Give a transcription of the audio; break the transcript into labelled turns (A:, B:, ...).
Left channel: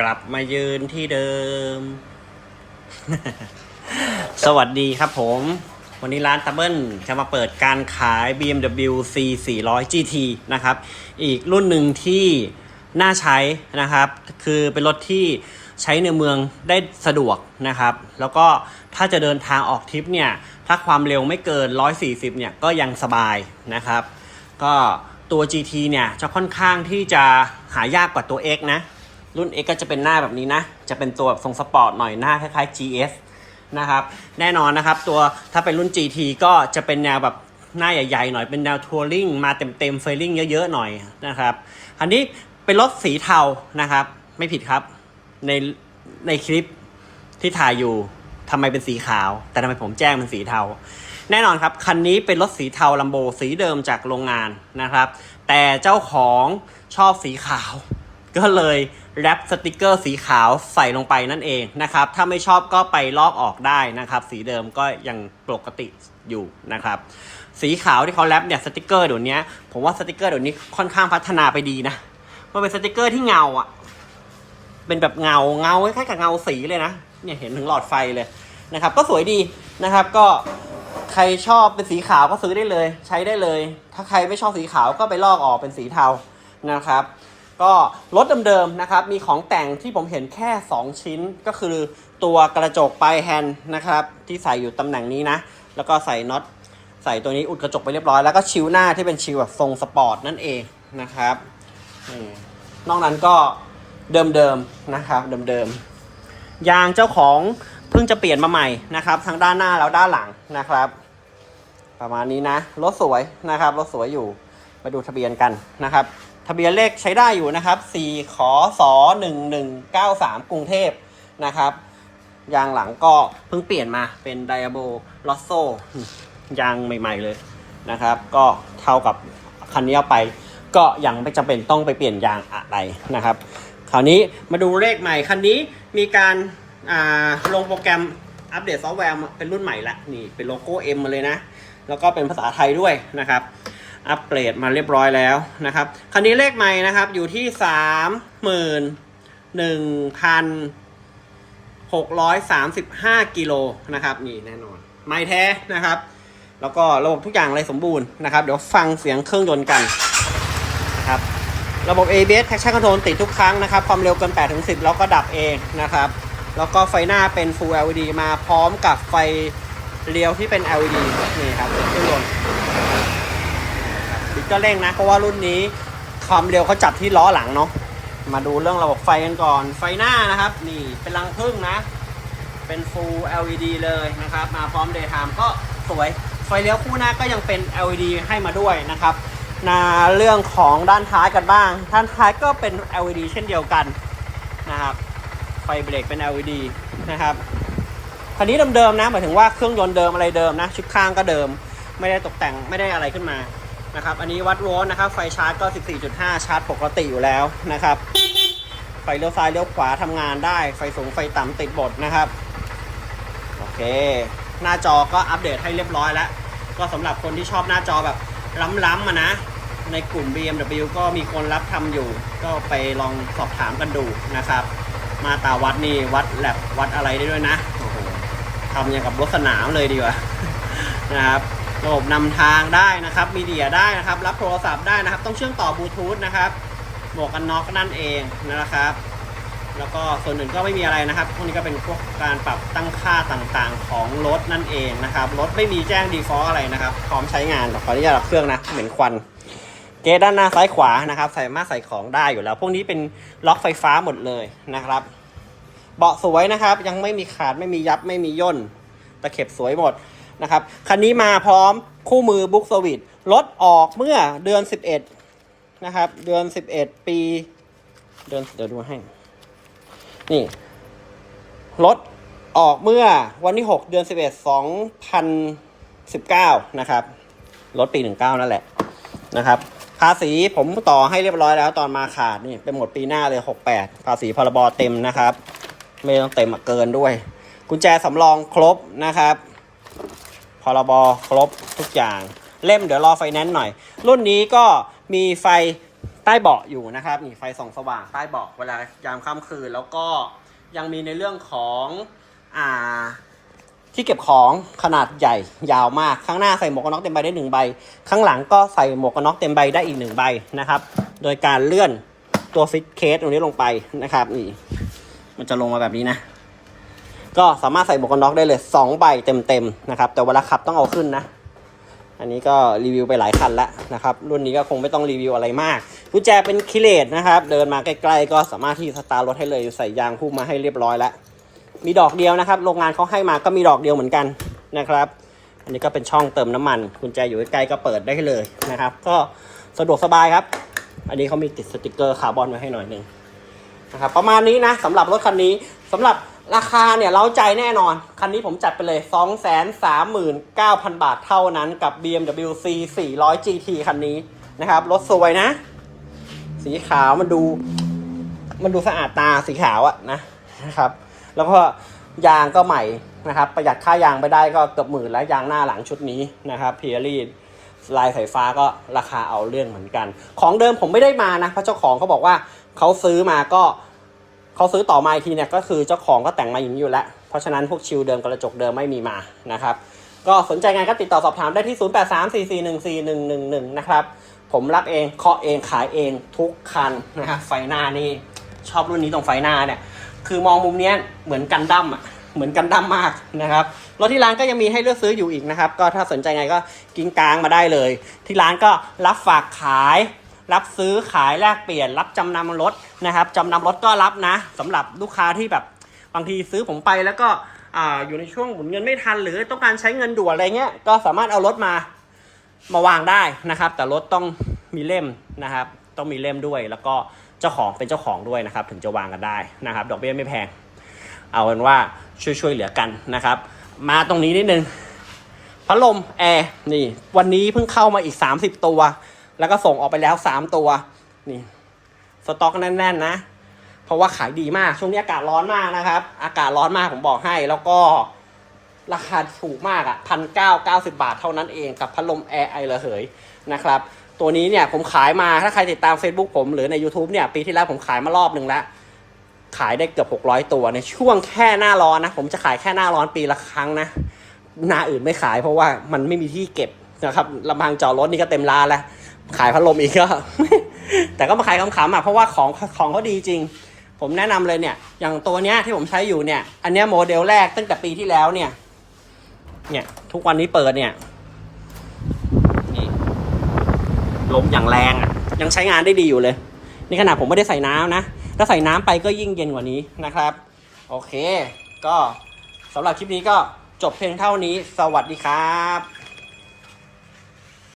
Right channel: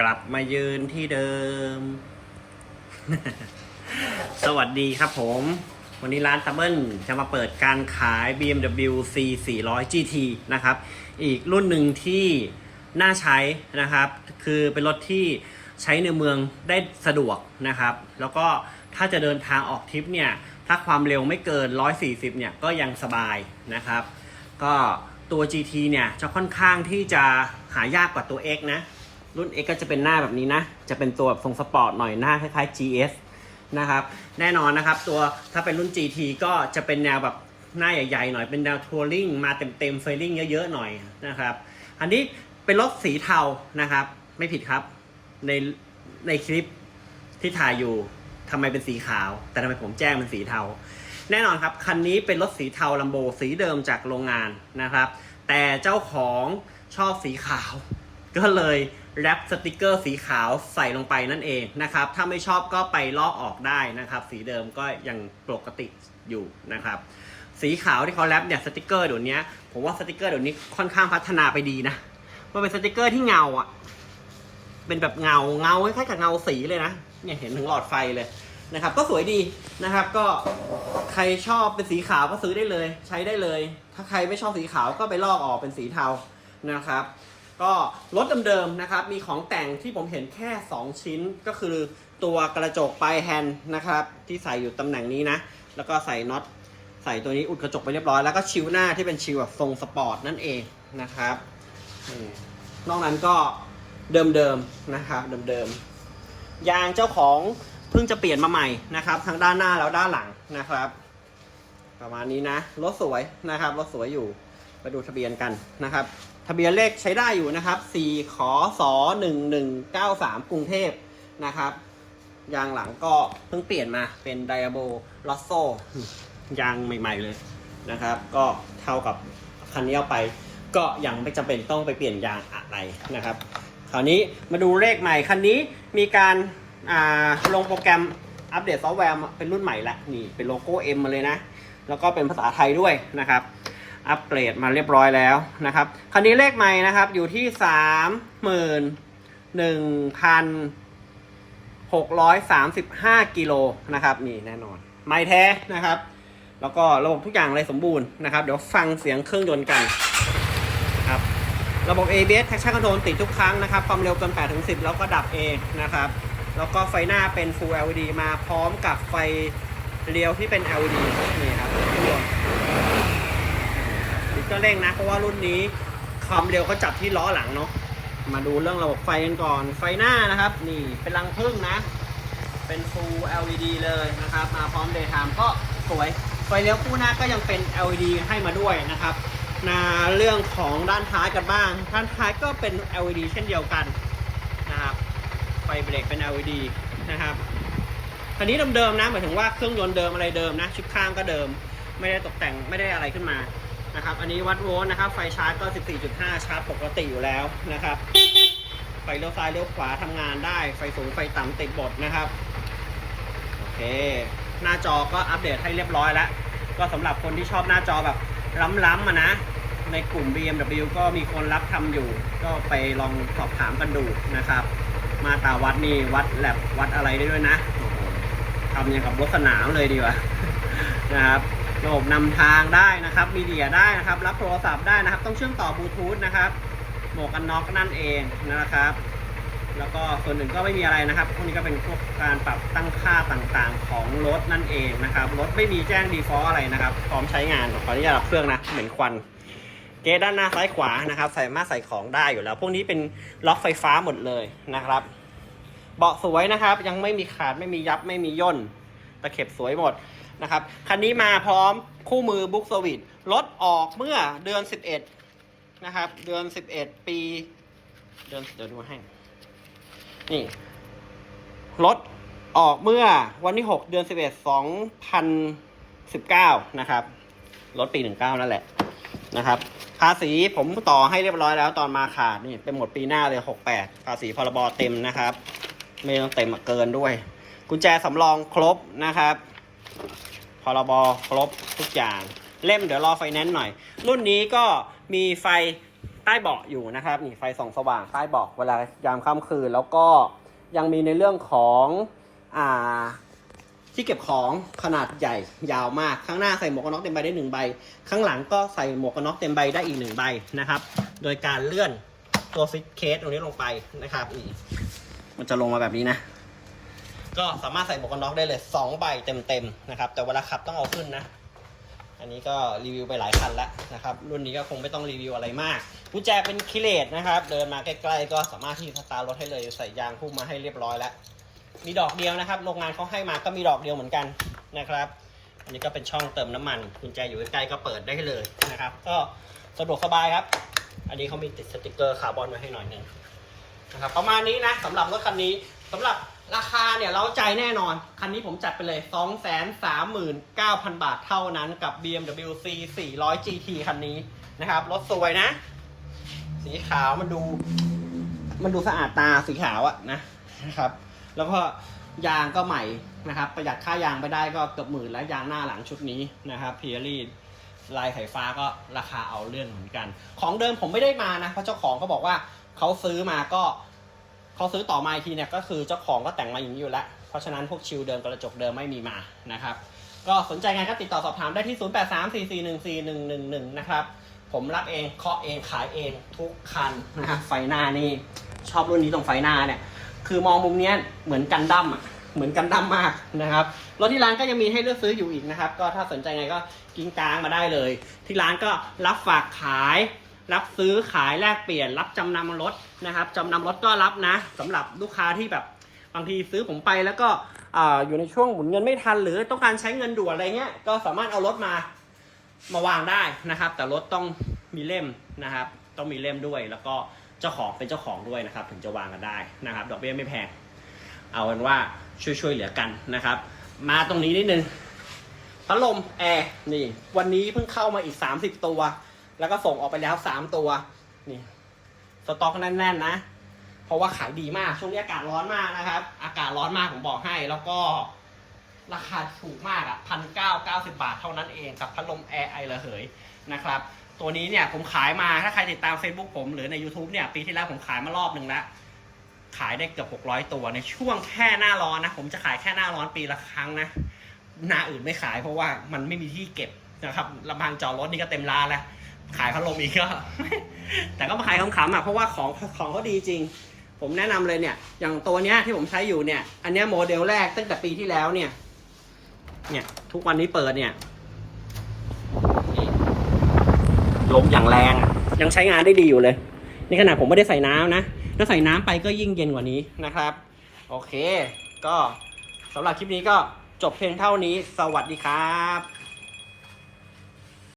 A: กลับมายืนที่เดิม สวัสดีครับผม วันนี้ร้านตับเบิลจะมาเปิดการขาย BMW C 400 GT นะครับ อีกรุ่นหนึ่งที่น่าใช้นะครับ คือเป็นรถที่ใช้ในเมืองได้สะดวกนะครับ แล้วก็ถ้าจะเดินทางออกทริปเนี่ย ถ้าความเร็วไม่เกิน 140 เนี่ยก็ยังสบายนะครับ ก็ตัว GT เนี่ยจะค่อนข้างที่จะหายากกว่าตัว X นะ รุ่น X ก็จะเป็นหน้าแบบนี้นะ จะเป็นตัวแบบทรงสปอร์ตหน่อยหน้าคล้ายๆ GS นะครับ แน่นอนนะครับ ตัวถ้าเป็นรุ่น GT ก็จะเป็นแนวแบบหน้าใหญ่ๆหน่อยเป็นแนวทัวริงมาเต็มๆเฟลลิ่งเยอะๆหน่อยนะครับอันนี้เป็นรถสีเทานะครับ ไม่ผิดครับ ในในคลิปที่ถ่ายอยู่ทำไมเป็นสีขาว แต่ทำไมผมแจ้งเป็นสีเทา แน่นอนครับ คันนี้เป็นรถสีเทาลัมโบสีเดิมจากโรงงานนะครับ แต่เจ้าของชอบสีขาว ก็เลยแรปสติกเกอร์สีขาวใส่ลงไปนั่นเองนะครับ ถ้าไม่ชอบก็ไปลอกออกได้นะครับ สีเดิมก็ยังปกติอยู่นะครับ สีขาวที่เขาแรปเนี่ยสติกเกอร์เดี๋ยวนี้ผมว่าสติกเกอร์เดี๋ยวนี้ค่อนข้างพัฒนาไปดีนะมันเป็นสติกเกอร์ที่เงาอะเป็นแบบเงาเงาคล้ายกับเงาสีเลยนะเนี่ยเห็นถึงหลอดไฟเลยนะครับ ก็สวยดีนะครับ ก็ใครชอบเป็นสีขาวก็ซื้อได้เลย ใช้ได้เลย ถ้าใครไม่ชอบสีขาวก็ไปลอกออกเป็นสีเทานะครับ ก็รถเดิมๆนะครับ มีของแต่งที่ผมเห็นแค่ 2 ชิ้นก็คือตัวกระจกปลายแฮนด์นะครับ ที่ใส่อยู่ตำแหน่งนี้นะ แล้วก็ใส่น็อตใส่ตัวนี้อุดกระจกไปเรียบร้อย แล้วก็ชิวหน้าที่เป็นชิวแบบทรงสปอร์ตนั่นเองนะครับอนอกนั้นก็เดิมๆนะครับเดิมๆยางเจ้าของเพิ่งจะเปลี่ยนมาใหม่นะครับ ทั้งด้านหน้าแล้วด้านหลังนะครับ ประมาณนี้นะรถสวยนะครับรถสวยอยู่มาดูทะเบียนกันนะครับ ทะเบียนเลขใช้ได้อยู่นะครับ 4 ขอสอ1193 กรุงเทพนะครับ ยางหลังก็เพิ่งเปลี่ยนมาเป็นไดอาโบลอสโซยางใหม่ ๆเลยนะครับ ก็เท่ากับคันนี้เอาไป ก็ยังไม่จำเป็นต้องไปเปลี่ยนยางอะไรนะครับ คราวนี้มาดูเลขใหม่คันนี้มีการอ่าลงโปรแกรมอัปเดตซอฟต์แวร์เป็นรุ่นใหม่ละนี่เป็นโลโก้ M มาเลยนะ แล้วก็เป็นภาษาไทยด้วยนะครับ อัปเกรดมาเรียบร้อยแล้วนะครับคันนี้เลขใหม่นะครับอยู่ที่สามหมื่นหนึ่งพันหกร้อยสามสิบห้ากิโลนะครับนี่แน่นอน ไม่แท้นะครับ แล้วก็ระบบทุกอย่างเลยสมบูรณ์นะครับ เดี๋ยวฟังเสียงเครื่องยนต์กันนะครับระบบ ABS traction control ติดทุกครั้งนะครับ ความเร็วเกิน8ถึง10 แล้วก็ดับเองนะครับ แล้วก็ไฟหน้าเป็น Full LED มาพร้อมกับไฟเลี้ยวที่เป็น LED นี่ครับเป็นเครื่องยนต์ บิดก็เร่งนะ เพราะว่ารุ่นนี้ความเร็วเขาจัดที่ล้อหลังเนาะมาดูเรื่องระบบไฟกันก่อน ไฟหน้านะครับ นี่เป็นรังพึ่งนะ เป็น Full LED เลยนะครับ มาพร้อม Daytime ก็สวย ไฟเลี้ยวคู่หน้าก็ยังเป็น LED ให้มาด้วยนะครับนาเรื่องของด้านท้ายกันบ้าง ด้านท้ายก็เป็น LED เช่นเดียวกันนะครับ ไฟเบรกเป็น LED นะครับคันนี้เดิมๆนะหมายถึงว่าเครื่องยนต์เดิมอะไรเดิมนะ ชุดข้างก็เดิม ไม่ได้ตกแต่งไม่ได้อะไรขึ้นมา นะครับ อันนี้วัดโวลต์นะครับ ไฟชาร์จก็ 14.5 ชาร์จปกติอยู่แล้วนะครับ ไฟเลี้ยวซ้ายเลี้ยวขวาทำงานได้ ไฟสูงไฟต่ำติดบทนะครับ โอเค หน้าจอก็อัปเดตให้เรียบร้อยแล้ว ก็สำหรับคนที่ชอบหน้าจอแบบล้ำๆอะนะ ในกลุ่ม BMW ก็มีคนรับทำอยู่ ก็ไปลองสอบถามกันดูนะครับ มาตาวัดนี่วัดแลบวัดอะไรได้ด้วยนะ โอ้โหทำอย่างกับรถสนามเลยดีกว่านะครับ ระบบนำทางได้นะครับ มีเดียได้นะครับ รับโทรศัพท์ได้นะครับ ต้องเชื่อมต่อบลูทูธนะครับหมวกกันน็อกนั่นเองนะครับ แล้วก็ส่วนอื่นก็ไม่มีอะไรนะครับ พวกนี้ก็เป็นพวกการปรับตั้งค่าต่างๆ ของรถนั่นเองนะครับ รถไม่มีแจ้ง default อะไรนะครับ พร้อมใช้งาน ขออนุญาตดับเครื่องนะ เหม็นควัน เกด้านหน้าซ้ายขวานะครับ ใสามาใส่ของได้อยู่แล้ว พวกนี้เป็นล็อกไฟฟ้าหมดเลยนะครับ เบาะสวยนะครับ ยังไม่มีขาด ไม่มียับ ไม่มีย่น ตะเข็บสวยหมด นะครับ คันนี้มาพร้อมคู่มือบุ๊กสวิตรถออกเมื่อเดือน 11 นะครับ เดือน 11 ปี เดือนเดี๋ยวดูให้นี่รถออกเมื่อวันที่ 6 เดือน 11 2019 นะครับรถปี 19 นั่นแหละนะครับ ภาษีผมต่อให้เรียบร้อยแล้วตอนมาขาดนี่เป็นหมดปีหน้าเลย 68 ภาษีพรบเต็มนะครับ ไม่ต้องเต็มเกินด้วย กุญแจสำรองครบนะครับ พรบครบทุกอย่าง เล่มเดี๋ยวรอไฟแนนซ์หน่อย รุ่นนี้ก็มีไฟใต้เบาะอยู่นะครับนี่ไฟส่องสว่างใต้เบาะเวลายามค่ำคืน แล้วก็ยังมีในเรื่องของอ่าที่เก็บของขนาดใหญ่ยาวมากข้างหน้าใส่หมวกกันน็อกเต็มใบได้หนึ่งใบ ข้างหลังก็ใส่หมวกกันน็อกเต็มใบได้อีกหนึ่งใบนะครับ โดยการเลื่อนตัวฟิตเคสตรงนี้ลงไปนะครับนี่มันจะลงมาแบบนี้นะ ก็สามารถใส่หมวกกันน็อกได้เลยสองใบเต็มๆนะครับ แต่เวลาขับต้องเอาขึ้นนะ อันนี้ก็รีวิวไปหลายคันแล้วนะครับ รุ่นนี้ก็คงไม่ต้องรีวิวอะไรมากกุญแจเป็นคิเลตนะครับ เดินมาใกล้ๆ ก็สามารถที่สตาร์รถให้เลยใส่ยางคู่มาให้เรียบร้อยแล้ว มีดอกเดียวนะครับ โรงงานเขาให้มาก็มีดอกเดียวเหมือนกันนะครับ อันนี้ก็เป็นช่องเติมน้ำมันกุญแจอยู่ใกล้ๆก็เปิดได้เลยนะครับ ก็สะดวกสบายครับ อันนี้เขามีติดสติกเกอร์คาร์บอนไว้ให้หน่อยหนึงนะครับประมาณนี้นะสำหรับรถคันนี้สำหรับ ราคาเนี่ยเราใจแน่นอน คันนี้ผมจัดไปเลย 239,000 บาทเท่านั้นกับ BMW C 400 GT คันนี้นะครับ รถสวยนะ สีขาวมันดู มันดูสะอาดตาสีขาวอะนะนะครับ แล้วก็ยางก็ใหม่นะครับ ประหยัดค่ายางไปได้ก็เกือบหมื่นแล้วยางหน้าหลังชุดนี้นะครับเพียรีลายสายฟ้าก็ราคาเอาเรื่องเหมือนกัน ของเดิมผมไม่ได้มานะเพราะเจ้าของเขาบอกว่าเขาซื้อมาก็ เขาซื้อต่อมาอีกทีเนี่ยก็คือเจ้าของก็แต่งมาอย่างนี้อยู่แล้ว เพราะฉะนั้นพวกชิลเดิมกระจกเดิมไม่มีมานะครับก็สนใจไงก็ติดต่อสอบถามได้ที่ 0834414111 นะครับ ผมรับเองเคาะเองขายเองทุกคันนะครับไฟหน้านี่ชอบรุ่นนี้ตรงไฟหน้าเนี่ย คือมองมุมเนี้ยเหมือนกันดั้มอะเหมือนกันดั้มมากนะครับรถที่ร้านก็ยังมีให้เลือกซื้ออยู่อีกนะครับ ก็ถ้าสนใจไงก็กิ้งกลางมาได้เลย ที่ร้านก็รับฝากขาย รับซื้อขายแลกเปลี่ยน รับจำนำรถนะครับจำนำรถก็รับนะสำหรับลูกค้าที่แบบบางทีซื้อผมไปแล้วก็ออยู่ในช่วงหมุนเงินไม่ทัน หรือต้องการใช้เงินด่วนอะไรเงี้ยก็สามารถเอารถมามาวางได้นะครับ แต่รถต้องมีเล่มนะครับ ต้องมีเล่มด้วย แล้วก็เจ้าของเป็นเจ้าของด้วยนะครับ ถึงจะวางกันได้นะครับ ดอกเบี้ยไม่แพง เอาเป็นว่าช่วยช่วยๆเหลือกันนะครับ มาตรงนี้นิดนึงพัดลมแอร์นี่ วันนี้เพิ่งเข้ามาอีก 30 ตัว แล้วก็ส่งออกไปแล้ว3ตัว นี่ สต็อกแน่น ๆ นะ เพราะว่าขายดีมาก ช่วงนี้อากาศร้อนมากนะครับ อากาศร้อนมากผมบอกให้ แล้วก็ราคาถูกมากอะ่ะพันเก้าเก้าสิบาทเท่านั้นเองกับพัดลมแอร์ไอระเหยนะครับ ตัวนี้เนี่ยผมขายมา ถ้าใครติดตาม Facebook ผมหรือใน YouTube เนี่ย ปีที่แล้วผมขายมารอบหนึ่งแล้ว ขายได้เกือบ 600 ตัวในช่วงแค่หน้าร้อนนะ ผมจะขายแค่หน้าร้อนปีละครั้งนะ หน้าอื่นไม่ขายเพราะว่ามันไม่มีที่เก็บนะครับลำพังจอดรถนี่ก็เต็มร้านแล้ว ขายพัดลมอีกก็ แต่ก็มาขายขำๆอะเพราะว่าของของเขาดีจริง ผมแนะนำเลยเนี่ย อย่างตัวเนี้ยที่ผมใช้อยู่เนี่ย อันเนี้ยโมเดลแรกตั้งแต่ปีที่แล้วเนี่ย เนี่ย ทุกวันนี้เปิดเนี่ยลมอย่างแรงอะยังใช้งานได้ดีอยู่เลย นี่ขนาดผมไม่ได้ใส่น้ำนะ ถ้าใส่น้ำไปก็ยิ่งเย็นกว่านี้นะครับ โอเค ก็สำหรับคลิปนี้ก็จบเพียงเท่านี้ สวัสดีครับ